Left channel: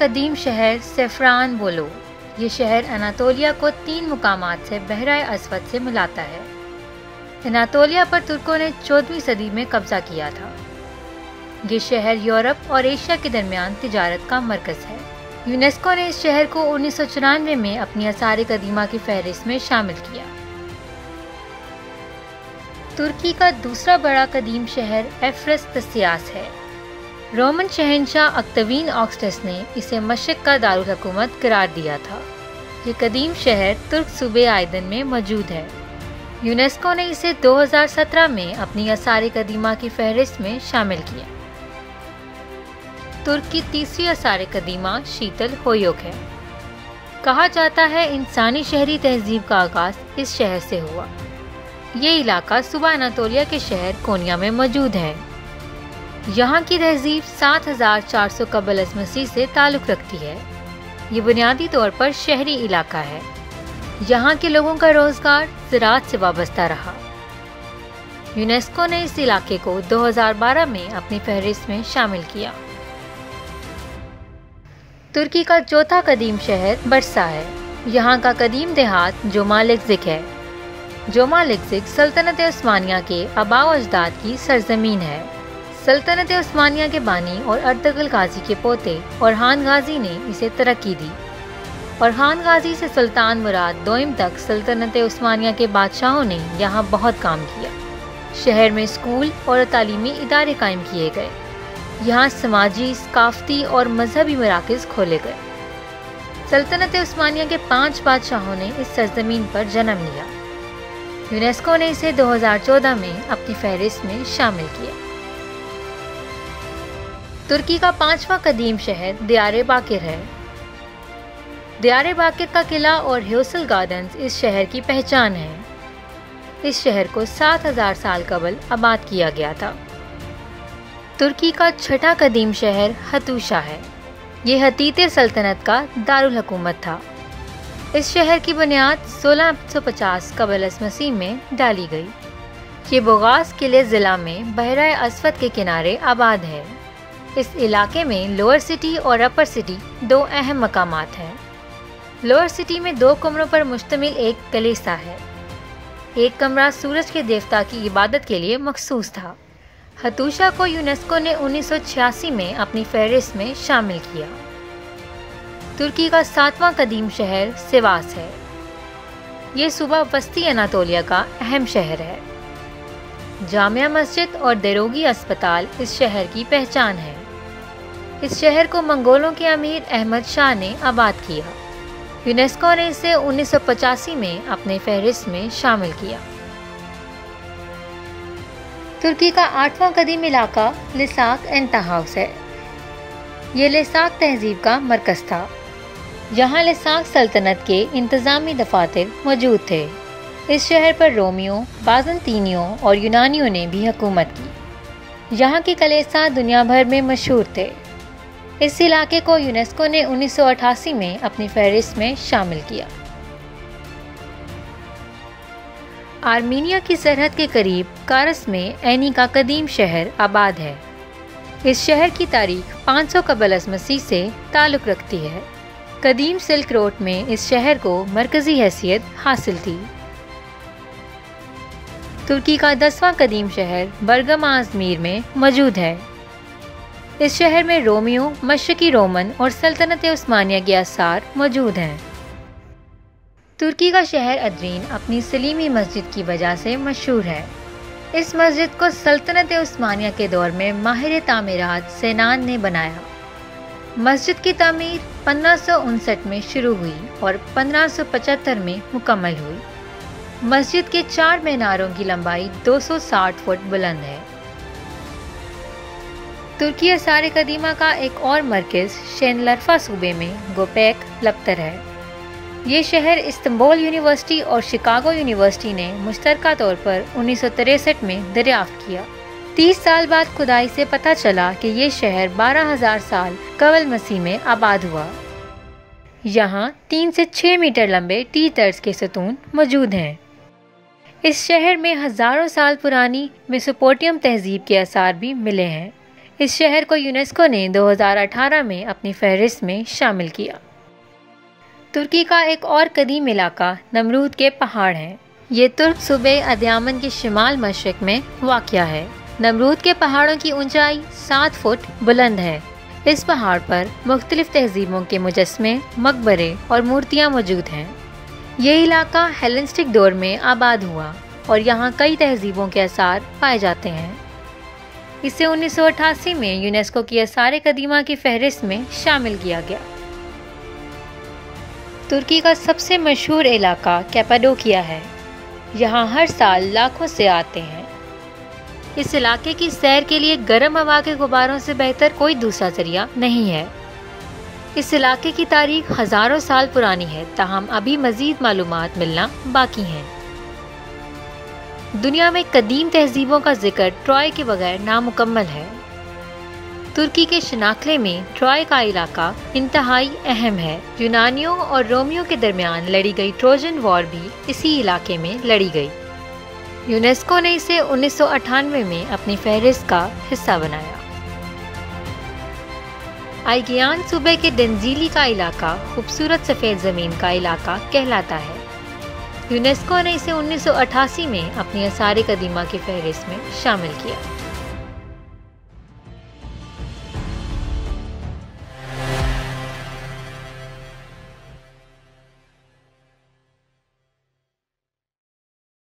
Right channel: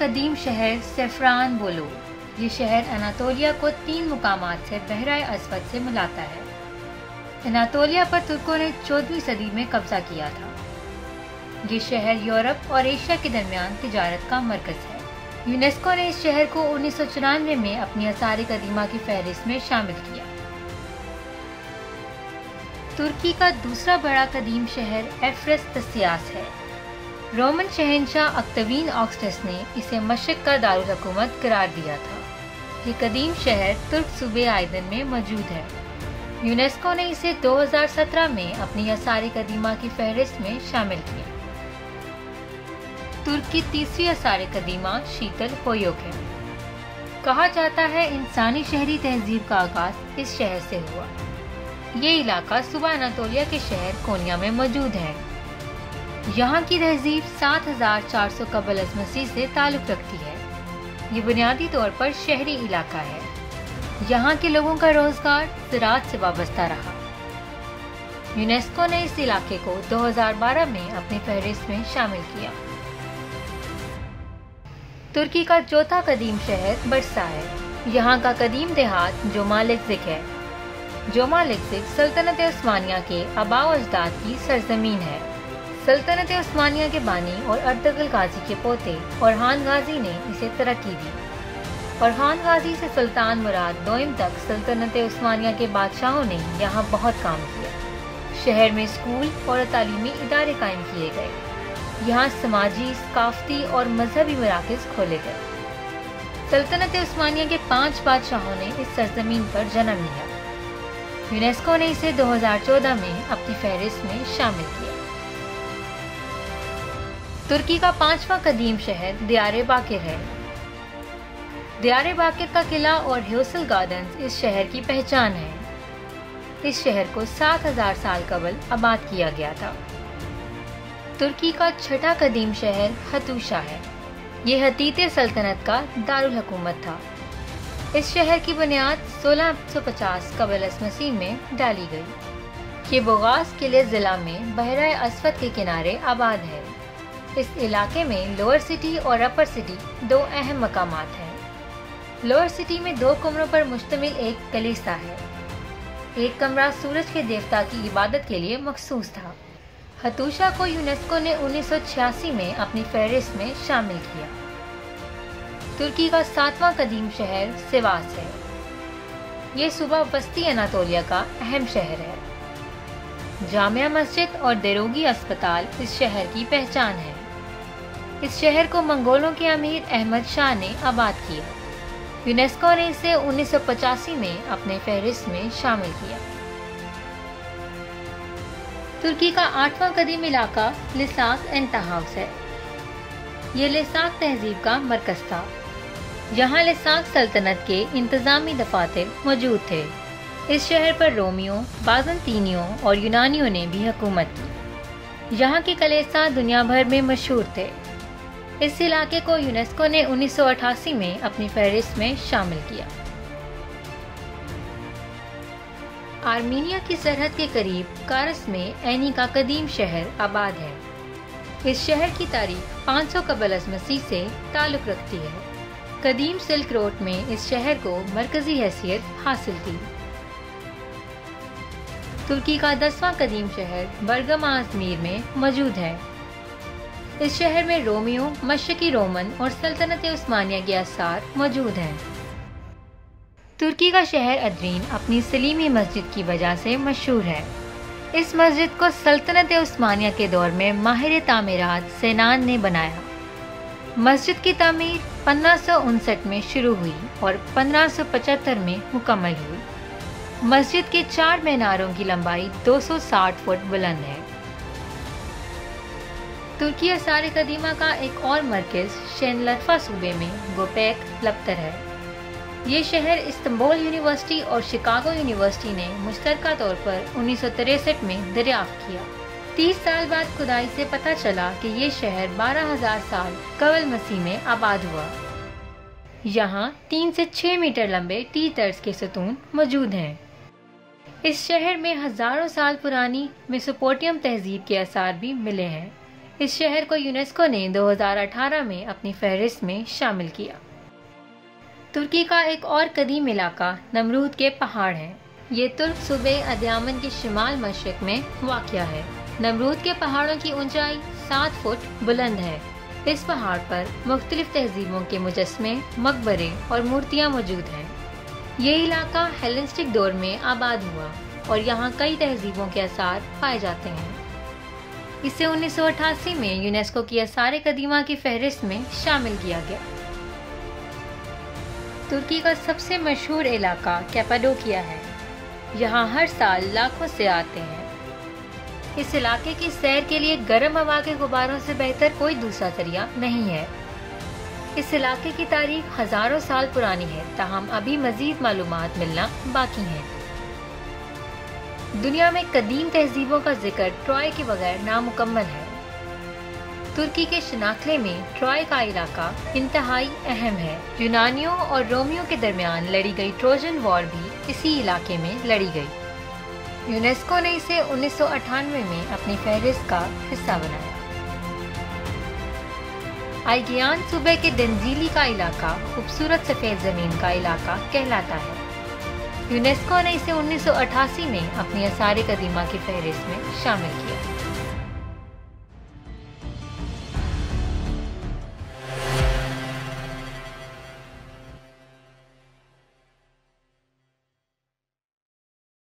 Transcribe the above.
قدیم شہر سیفران بولو. یہ شہر اناطولیہ کو 3 مقامات سے بحیرہ اسود سے ملاتا ہے. اناطولیہ پر ترکوں نے 14ویں صدی میں قبضہ کیا تھا. یہ شہر یورپ اور ایشیا کے درمیان تجارت کا مرکز ہے. یونیسکو نے اس شہر کو 1994 میں اپنی آثار قدیمہ کی فہرست میں شامل کیا. ترکی کا دوسرا بڑا قدیم شہر ایفرسطسیاس ہے. رومن شہنشاہ اکتوین آگسٹس نے اسے مشرق کا دارالحکومت قرار دیا تھا. یہ قدیم شہر ترک صوبے آئدن میں موجود ہے. یونیسکو نے اسے 2017 میں اپنی آثار قدیمہ کی فہرست میں شامل کیا. ترک کی تیسری آثار قدیمہ شیتل ہویوک ہے. کہا جاتا ہے انسانی شہری تہذیب کا آغاز اس شہر سے ہوا. یہ علاقہ صوبہ اناطولیہ کے شہر کونیا میں موجود ہے. یہاں کی تہذیب 7400 قبل از مسیح سے تعلق رکھتی ہے. یہ بنیادی طور پر شہری علاقہ ہے. یہاں کے لوگوں کا روزگار زراعت سے وابستہ رہا. یونیسکو نے اس علاقے کو 2012 میں اپنی فہرست میں شامل کیا. ترکی کا چوتھا قدیم شہر برسا ہے. یہاں کا قدیم دیہات جومالکزک ہے. جومالکزک سلطنت عثمانیہ کے آباء و اجداد کی سرزمین ہے. سلطنت عثمانیہ کے بانی اور اردغل غازی کے پوتے اورحان غازی نے اسے ترقی دی. اورحان غازی سے سلطان مراد دوئم تک سلطنت عثمانیہ کے بادشاہوں نے یہاں بہت کام کیا. شہر میں اسکول اور تعلیمی ادارے قائم کیے گئے. یہاں سماجی، ثقافتی اور مذہبی مراکز کھولے گئے. سلطنت عثمانیہ کے 5 بادشاہوں نے اس سرزمین پر جنم لیا. یونیسکو نے اسے 2014 میں اپنی فہرست میں شامل کیا. ترکی کا 5واں قدیم شہر دیار باکر ہے. دیار باکر کا قلعہ اور ہیوسل گارڈنز اس شہر کی پہچان ہے. اس شہر کو 7000 سال قبل آباد کیا گیا تھا. ترکی کا 6واں قدیم شہر ہتوشا ہے. یہ ہتیتے سلطنت کا دارالحکومت تھا. اس شہر کی بنیاد 1650 قبل از مسیح میں ڈالی گئی. یہ بوغاز قلعے ضلع میں بحیرہ اسود کے کنارے آباد ہے. اس علاقے میں لوئر سٹی اور اپر سٹی 2 اہم مقامات ہیں. لوئر سٹی میں 2 کمروں پر مشتمل ایک کلیسا ہے. ایک کمرہ سورج کے دیوتا کی عبادت کے لیے مخصوص تھا. ہتوشا کو یونیسکو نے 1986 میں اپنی فہرست میں شامل کیا. ترکی کا 7واں قدیم شہر سیواس ہے. یہ صوبہ وسطی اناطولیہ کا اہم شہر ہے. جامع مسجد اور دیروگی اسپتال اس شہر کی پہچان ہے. اس شہر کو منگولوں کے امیر احمد شاہ نے آباد کیا. یونیسکو نے اسے 1985 میں اپنے فہرست میں شامل کیا. ترکی کا 8واں قدیم علاقہ لساک انتہاؤس ہے. یہ لساک تہذیب کا مرکز تھا. یہاں لساک سلطنت کے انتظامی دفاتر موجود تھے. اس شہر پر رومیوں، بازنطینیوں اور یونانیوں نے بھی حکومت کی. یہاں کے کلیسا دنیا بھر میں مشہور تھے. اس علاقے کو یونیسکو نے 1988 میں اپنی فہرست میں شامل کیا. آرمینیا کی سرحد کے قریب کارس میں اینی کا قدیم شہر آباد ہے. اس شہر کی تاریخ 500 قبل از مسیح سے تعلق رکھتی ہے. قدیم سلک روڈ میں اس شہر کو مرکزی حیثیت حاصل تھی. ترکی کا 10واں قدیم شہر برگم ازمیر میں موجود ہے. اس شہر میں رومیوں، مشرقی رومن اور سلطنت عثمانیہ کے آثار موجود ہیں. ترکی کا شہر ادرین اپنی سلیمی مسجد کی وجہ سے مشہور ہے. اس مسجد کو سلطنت عثمانیہ کے دور میں ماہر تعمیرات سینان نے بنایا. مسجد کی تعمیر 1559 میں شروع ہوئی اور 1575 میں مکمل ہوئی. مسجد کے 4 میناروں کی لمبائی 260 فٹ بلند ہے. ترکی آثار قدیمہ کا ایک اور مرکز شینلرفا صوبے میں گوپیک لکتر ہے. یہ شہر استنبول یونیورسٹی اور شکاگو یونیورسٹی نے مشترکہ طور پر 1963 میں دریافت کیا. 30 سال بعد کھدائی سے پتہ چلا کہ یہ شہر 12,000 سال قبل مسیح میں آباد ہوا. یہاں 3 سے 6 میٹر لمبے ٹی طرز کے ستون موجود ہیں. اس شہر میں ہزاروں سال پرانی میسوپوٹیم تہذیب کے آثار بھی ملے ہیں. اس شہر کو یونیسکو نے 2018 میں اپنی فہرست میں شامل کیا۔ ترکی کا ایک اور قدیم علاقہ نمرود کے پہاڑ ہیں۔ یہ ترک صوبے ادیامن کے شمال مشرق میں واقع ہے۔ نمرود کے پہاڑوں کی اونچائی 7 فٹ بلند ہے۔ اس پہاڑ پر مختلف تہذیبوں کے مجسمے، مقبرے اور مورتیاں موجود ہیں۔ یہ علاقہ ہیلنسٹک دور میں آباد ہوا اور یہاں کئی تہذیبوں کے آثار پائے جاتے ہیں۔ اسے 1988 میں یونیسکو کی آثار قدیمہ کی فہرست میں شامل کیا گیا۔ ترکی کا سب سے مشہور علاقہ کیپاڈوکیا ہے۔ یہاں ہر سال لاکھوں سے آتے ہیں۔ اس علاقے کی سیر کے لیے گرم ہوا کے غباروں سے بہتر کوئی دوسرا ذریعہ نہیں ہے۔ اس علاقے کی تاریخ ہزاروں سال پرانی ہے، تاہم ابھی مزید معلومات ملنا باقی ہیں۔ دنیا میں قدیم تہذیبوں کا ذکر ٹرائے کے بغیر نامکمل ہے۔ ترکی کے شناکلے میں ٹرائے کا علاقہ انتہائی اہم ہے۔ یونانیوں اور رومیوں کے درمیان لڑی گئی ٹروجن وار بھی اسی علاقے میں لڑی گئی۔ یونیسکو نے اسے 1998 میں اپنی فہرست کا حصہ بنایا۔ آئیگیان صوبے کے ڈنزیلی کا علاقہ خوبصورت سفید زمین کا علاقہ کہلاتا ہے۔ یونیسکو نے اسے 1988 میں اپنی آثار قدیمہ کی فہرست میں شامل کیا۔